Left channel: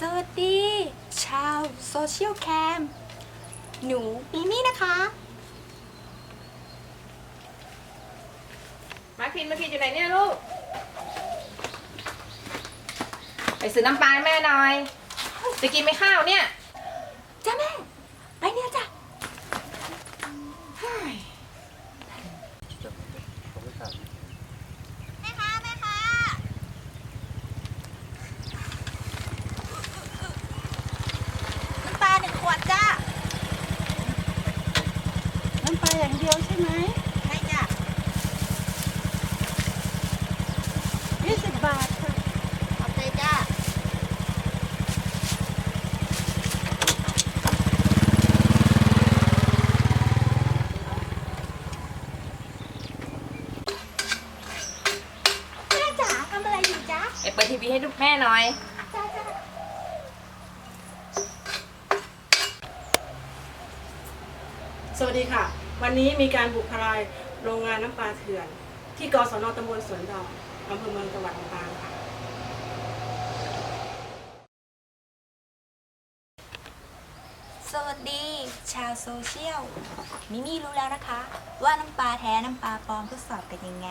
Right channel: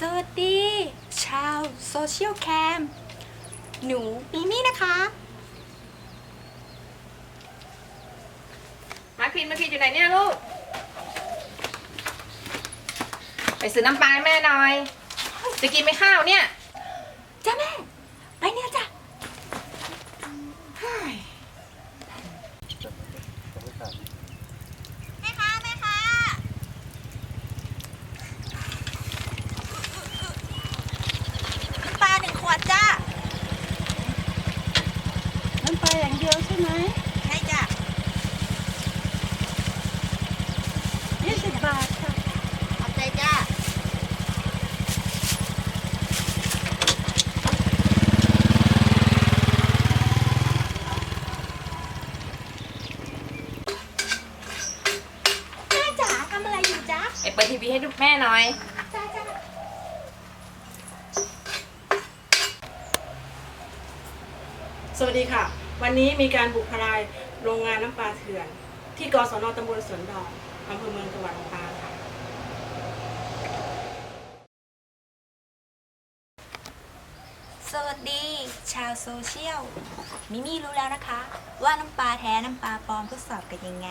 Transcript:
สวัสดี ชาวโซเชียลแคม หนูมิมี่นะคะ มาพินมาพินอยู่ไหนเนี่ยลูก ไปซื้อน้ำปลาให้แม่หน่อย จะกินไหมข้าวเนี่ย จ้าแม่ ไปเนี่ยจ้ะ แม่ค้าแม่ค้าน้ำปลาหนึ่งข วดจ้าน้ำปลาอย่างเดียวใช่ไหมใช่จ้ะยี่สิบบาทค่ะขอบใจจ้าแม่จ๋าทำอะไรอยู่จ๊ะไปเปิดทีวีให้แม่หน่อย จ้าจ้า สวัสดีค่ะ วันนี้มีการบุกทลายโรงงานน้ำปลาเถื่อน ที่กศนตำบลสวนดอกอำเภอเมืองจังหวัดลำปางค่ะ สวัสดีชาวโซเชียล มิมี่รู้แล้วนะคะ ว่าน้ำปลาแท้น้ำปลาปลอมทดสอบกันยังไง